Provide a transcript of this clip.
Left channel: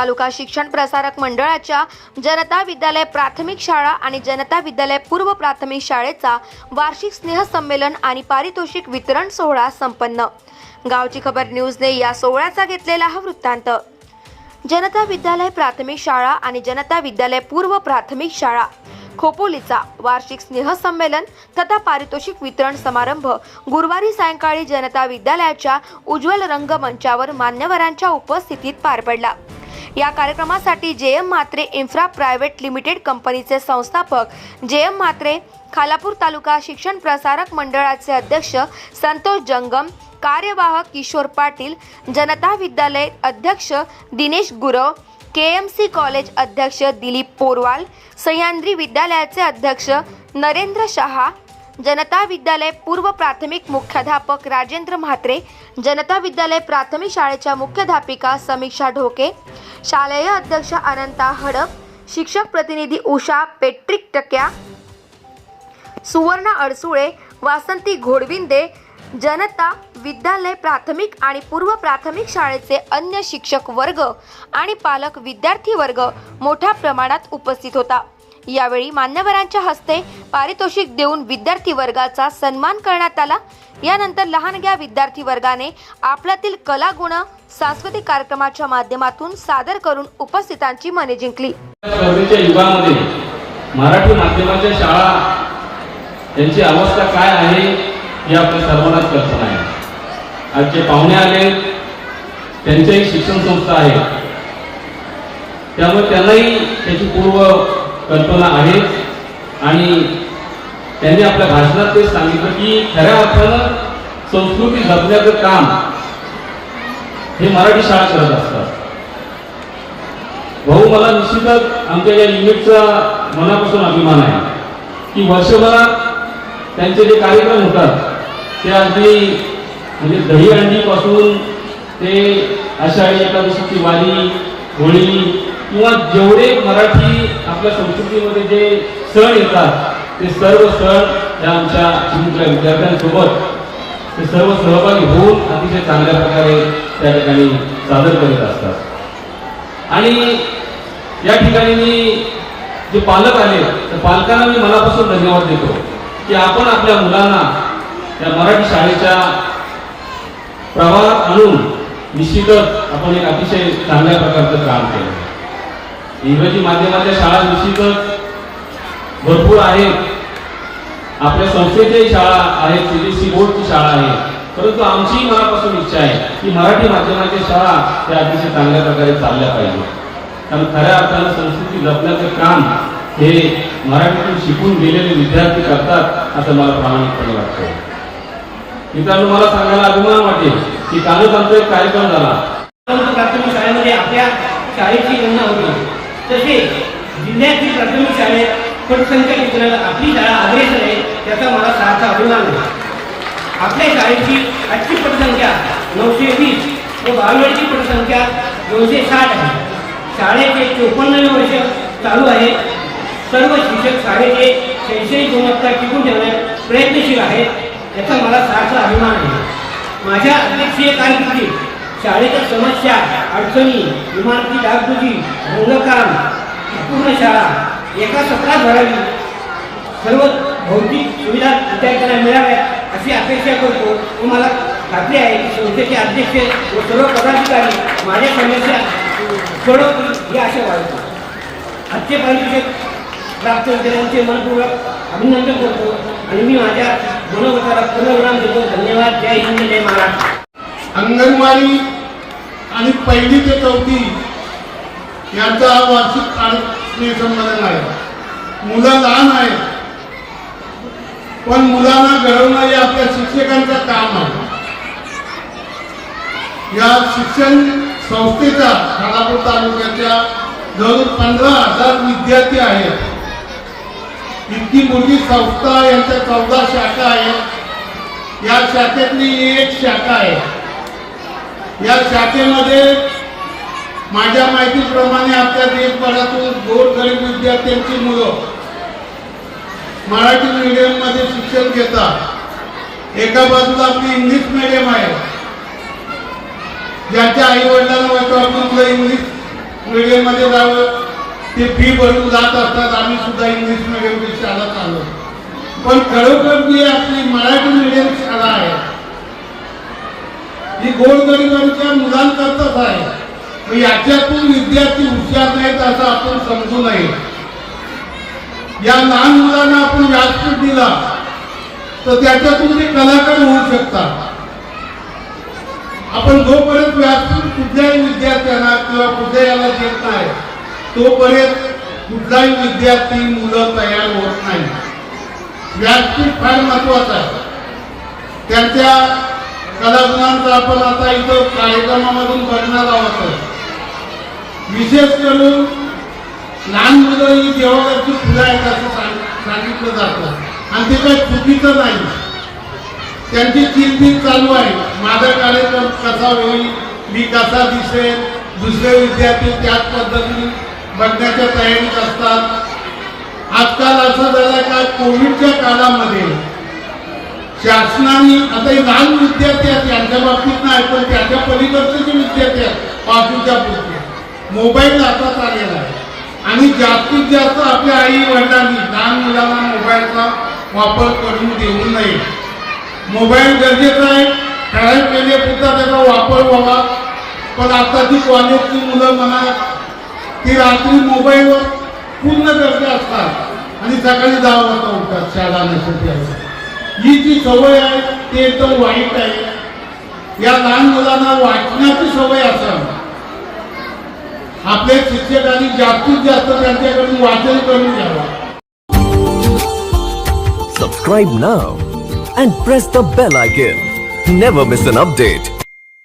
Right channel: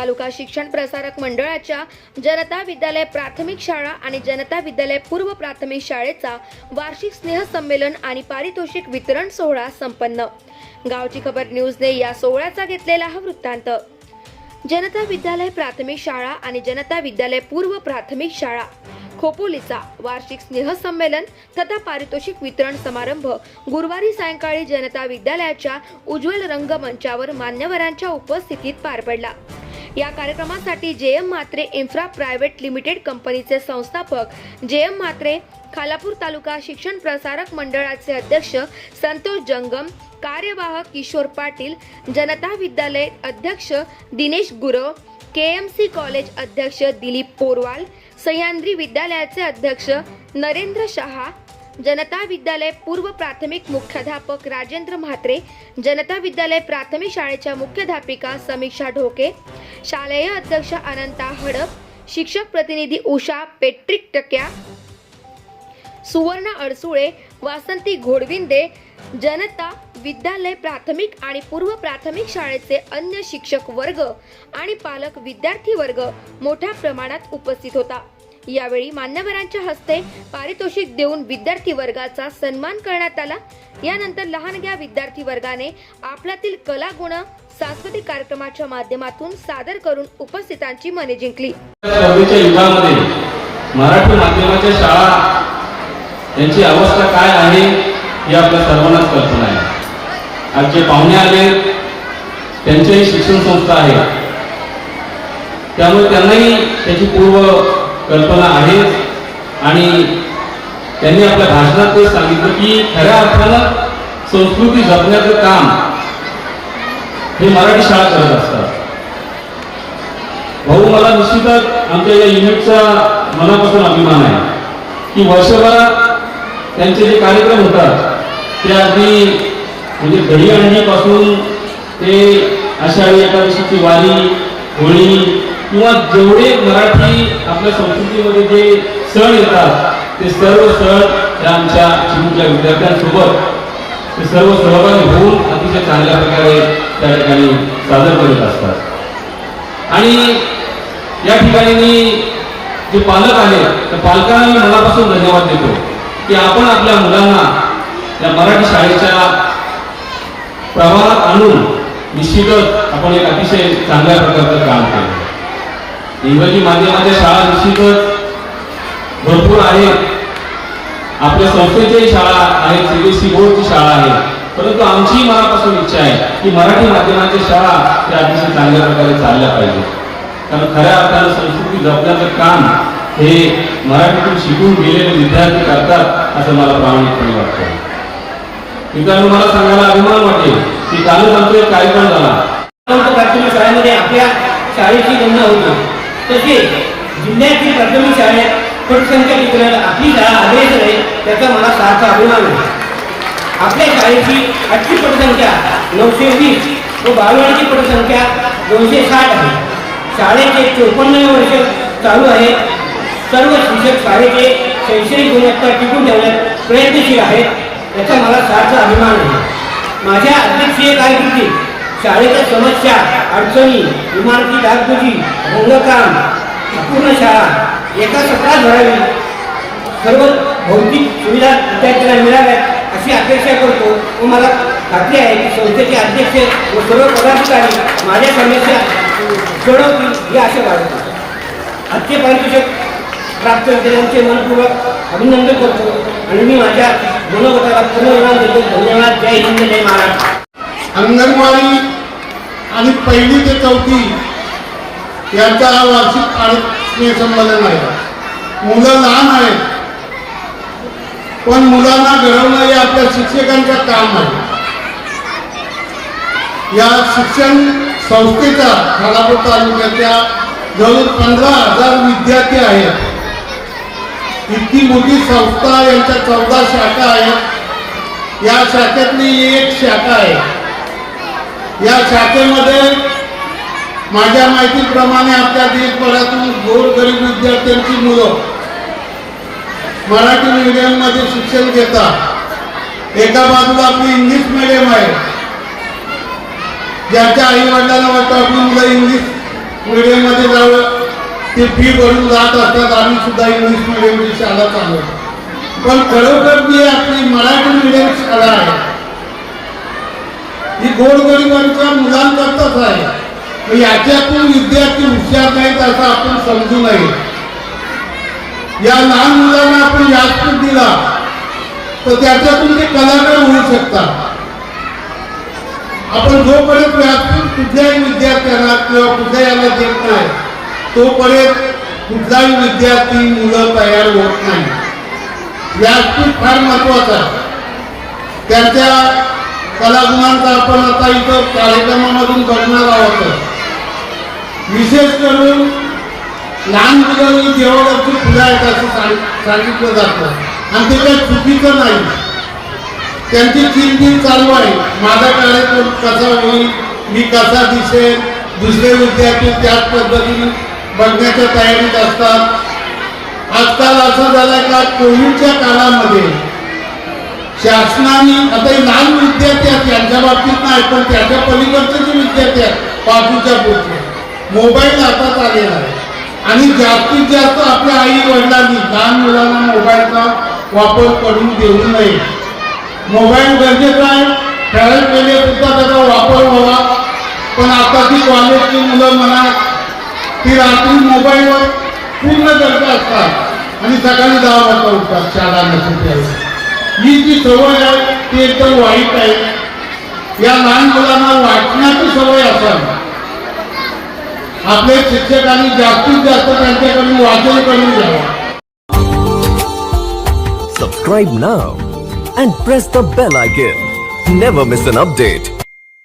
तालुका शिक्षण प्रसारक मंडळाच्या जनता विद्यालय प्राथमिक शाळा आणि जनता विद्यालय पूर्व प्राथमिक शाळेचा वार्षिक स्नेहसंमेलन आणि पारितोषिक वितरण सोहळा संपन्न. गावची खबर न्यूजने या सोहळ्याचा घेतलेला हा वृत्तांत. जनता विद्यालय प्राथमिक शाळा आणि जनता विद्यालय पूर्व प्राथमिक शाळा. खोपोलीचा वार्षिक स्नेहसंमेलन तथा पारितोषिक वितरण समारंभ गुरुवारी सायंकाळी जनता विद्यालयाच्या उज्ज्वल रंगमंचावर मान्यवरांच्या उपस्थितीत पार पडला. या कार्यक्रमासाठी J M Mhatre infra private limited कंपनीचे संस्थापक जे एम म्हात्रे खालापूर तालुका शिक्षण प्रसारक मंडळाचे अध्यक्ष संतोष जंगम कार्यवाहक किशोर पाटील जनता विद्यालय अध्यक्ष Dinesh Gurav K M C college अध्यक्ष दिलीप पोरवाल सह्याद्री विद्यालयाचे अध्यक्ष नरेंद्र शहा जनता विद्यालय पूर्व प्राथमिक मुख्याध्यापक राजेंद्र म्हात्रे जनता विद्यालय प्राथमिक शाळेच्या मुख्याध्यापिका समीक्षा ढोके शालेय अध्यक्ष अनंता हडप शिक्षक प्रतिनिधी उषा पेट्रिक टक्या सुवर्ण अडसुळे वासंती घोडविंदे जनता विद्यालय प्राथमिक आणि पूर्व प्राथमिक शाळेचे अन्य शिक्षक वर्ग आणि पालक विद्यार्थी वर्ग मोठ्या प्रमाणात उपस्थित होता. यावेळी मान्यवरांच्या हस्ते पारितोषिक देऊन विद्यार्थी वर्गाचा सन्मान करण्यात आला. यानंतर लहानग्या विद्यार्थी वर्गाने आपल्यातील कला गुण सांस्कृतिक कार्यक्रमाच्या माध्यमातून सादर करून उपस्थितांची मने जिंकली. युगामध्ये मराठी माध्यमाच्या शाळा यांची अवस्था काय आहे हे आपल्या सर्वांनाच कल्पना आहे. आज जे पाहुणे आले त्यांच्याही शिक्षण संस्था आहे. त्यामुळे त्यांनाही त्याची पूर्व कल्पना आहे आणि त्यांनी आपल्या भाषणात ते सांगितलं की खऱ्या अर्थानं संस्कृती जपण्याचं काम हे मराठी शाळा करत असतात. भाऊ मला निश्चितच आमच्या या युनिटचा मनापासून अभिमान आहे की वर्षभरात त्यांचे जे कार्यक्रम होतात ते अगदी म्हणजे दही पासून ते आषाढी एकादशीची वारी होळी किंवा जेवढे मराठी आपल्या संस्कृतीमध्ये जे सण येतात ते सर्व सण या आमच्या चिमुकल्या विद्यार्थ्यांसोबत ते सर्व सहभागी होऊन अतिशय चांगल्या प्रकारे त्या ठिकाणी सादर करत असतात. आणि या ठिकाणी मी जे पालक आले त्या पालकांना मी मनापासून धन्यवाद देतो की आपण आपल्या मुलांना या मराठी शाळेच्या प्रवाहात आणून निश्चितच आपण एक अतिशय चांगल्या प्रकारचं काम केलं. इंग्रजी माध्यमाच्या शाळा निश्चितच भरपूर आहेत. आपल्या संस्थेच्याही शाळा आहेत सीबीएसई बोर्डची शाळा आहे. परंतु आमची मनापासून इच्छा आहे की मराठी माध्यमाच्या शाळा त्या अतिशय चांगल्या प्रकारे चालल्या पाहिजेत. कारण खऱ्या अर्थानं संस्कृती जपण्याचं काम हे मराठीतून शिकून गेलेले विद्यार्थी करतात असं मला प्रामाणिकपणे वाटतं. मित्रांनो मला सांगायला अभिमान वाटेल की कालच आमचा एक कार्यक्रम झाला. प्राथमिक शाळेमध्ये आपल्या शाळेची गणना होती. तसेच जिल्ह्यातील प्राथमिक शाळेत पटसंख्या टिकवण्यात आपली शाळा अग्रेसर आहे त्याचा मला सारखा अभिमान आहे. आपल्या शाळेची आजची पटसंख्या नऊशे वीस व बालवाडीची पटसंख्या दोनशे साठ आहे. शाळेचे चोपन्नवे वर्ष चालू आहे. सर्व शिक्षक शाळेचे शैक्षणिक गुणवत्ता टिकून ठेवण्यात प्रयत्नशील आहेत याचा मला सारखा अभिमान आहे. माझ्या अध्यक्षीय कारकिर्दीत शाळेच्या समस्या अडचणी इमारती डागडुजी रंगकाम अपूर्ण शाळा एका सत्रात भरावी. सर्व भौतिक सुविधा विद्यार्थ्यांना मिळाव्यात अशी अपेक्षा करतो. व मला खात्री आहे की संस्थेचे अध्यक्ष व सर्व पदाधिकारी माझ्या समस्या सोडवतील ही आशा बाळगतो. आजचे पारितोषिक प्राप्त विद्यार्थ्यांचे मनपूर्वक अभिनंदन करतो. आणि मी माझ्या मनोगताला पूर्ण विराम देतो. धन्यवाद. जय हिंद. जय महाराष्ट्र. अंगणवाडी आणि पहिली ते चौथी यांचा हा वार्षिक आरोग्य संमेलन आहे मुलं लहान आहेत. पण मुलांना घडवणं हे आपल्या शिक्षकांचं काम आहे या शिक्षण संस्थेचा खालापूर तालुक्याच्या जवळ पंधरा हजार विद्यार्थी आहेत. इतकी मोठी संस्था यांच्या चौदा शाखा आहेत. या शाखेतली एक शाखा आहे. या शाखेमध्ये माझ्या माहितीप्रमाणे आपल्या देशभरातून गोरगरीब विद्यार्थ्यांची मुलं मराठी मीडियममध्ये शिक्षण घेतात. एका बाजूला आपली इंग्लिश मिडियम आहे. ज्यांच्या आई वडिलांना वाटतं आपली मुलं इंग्लिश मीडियममध्ये जावं. ते फी भरून जात असतात. आम्ही सुद्धा इंग्लिश मिडियमची शाळा चालवतो. पण खरोखर जी आपली मराठी मीडियम शाळा आहे ही गोरगरिबांच्या मुलांकरताच आहे. मग याच्यातून विद्यार्थी हुशार नाहीत असं आपण समजू नये. या लहान मुलांना आपण व्यासपीठ दिला तर त्याच्यातून ते कलाकार होऊ शकतात. आपण जोपर्यंत व्यासपीठ कुठल्याही विद्यार्थ्यांना किंवा कुठल्या याला देत नाही तोपर्यंत कुठलाही विद्यार्थी मुलं तयार होत नाही. व्यासपीठ फार महत्वाचं आहे. त्यांच्या कलागुणांचा आपण आता इथं कार्यक्रमामधून बघणार आहोत. विशेष करून लहान मुलांनी देवाची पूजा आहेत असं सांगितलं जातं. आणि ते काही चुकीचं नाही. त्यांची चिंतित चालू आहे. माझा कार्यक्रम कसा होईल मी कसा दिसेल दुसरे विद्यार्थी त्याच पद्धतीने बघण्याच्या तयारीत असतात. आजकाल असं झालंय का कोविडच्या काळामध्ये शासनाने आता हे लहान विद्यार्थी आहेत यांच्या बाबतीत नाही पण त्याच्या पलीकडचे जे विद्यार्थी आहेत पाचवीच्या पुढचे मोबाईल हातात आलेला आहे. आणि जास्तीत जास्त आपल्या आई वडिलांनी लहान मुलांना मोबाईलचा वापर करून देऊ नये. मोबाईल गरजेचा आहे. ठराविक वेळेपुरता त्याचा वापर व्हावा. पण आता आताची कॉलेजची मुलं म्हणा ती रात्री मोबाईलवर पूर्ण गरजा असतात. आणि सकाळी दहा वाजता उठतात शाळा नसेल ही जी सवय आहे ते एकदम वाईट आहे या लहान मुलांना वाचण्याची सवय असावी आपले शिक्षकांनी जास्तीत जास्त त्यांच्याकडून वाचन करून घ्यावं Subscribe now and press the bell icon. Never miss an update.